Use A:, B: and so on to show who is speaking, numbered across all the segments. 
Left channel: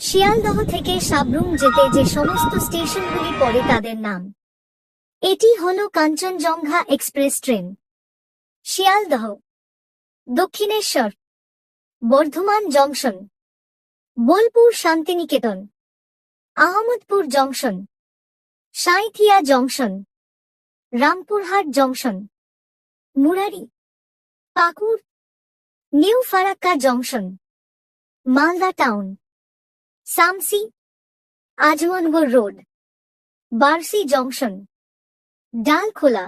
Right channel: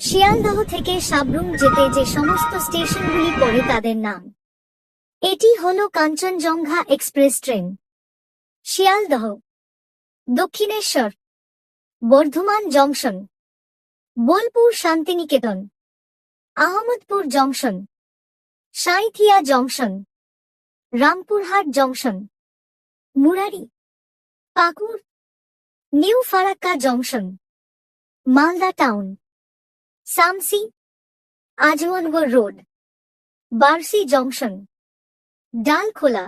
A: শিয়ালদহ থেকে সাবরুম যেতে যে সমস্ত স্টেশনগুলি পড়ে তাদের নাম। এটি হল Kanchenjunga express train. Sealdah, Dakshineswar, Bardhaman junction, Bolpur Shantiniketan, Ahmadpur junction, Sainthia junction, Rampurhat junction, Murarai, Pakur, new Farakka junction, Malda town. Samsi Azamnagar road, Barsoi junction, Dalkhola,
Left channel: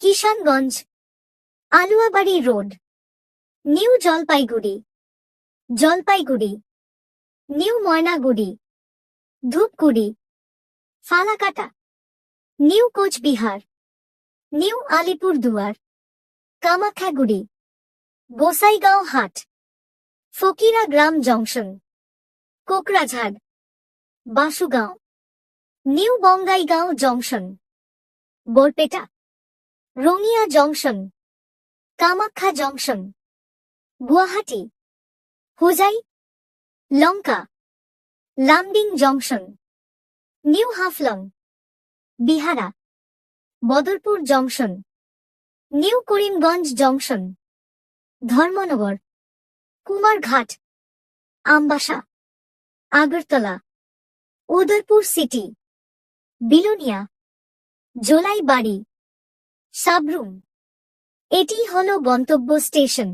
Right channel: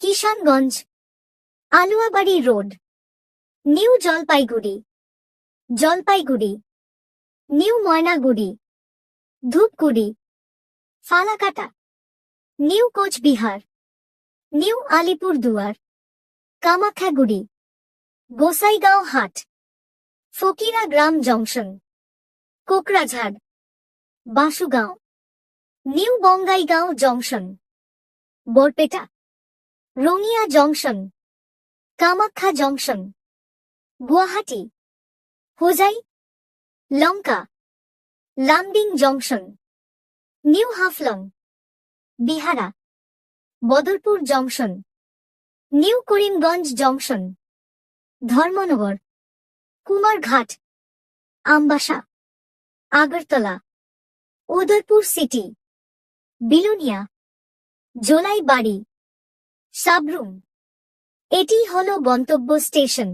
A: Kishanganj, Aluabari road, new Jalpaiguri Jalpaiguri, new Maynaguri, Dhupguri, Falakata, new Cooch Behar, new Alipurduar, Kamakhyaguri, Gossaigaon Hat, Fakiragram junction. Kokrajhar Basugaon new Bongaigaon junction, Barpeta, Rangia junction, Kamakhya junction, Guwahati, Hojai, Lanka, Lumding junction, new Haflong, বিহারা, Badarpur junction, new Karimganj junction, Dharmanagar, Kumarghat, Ambassa. Agartala Udaipur city Belonia Jolaibari Sabroom. এটি হল গন্তব্য স্টেশন।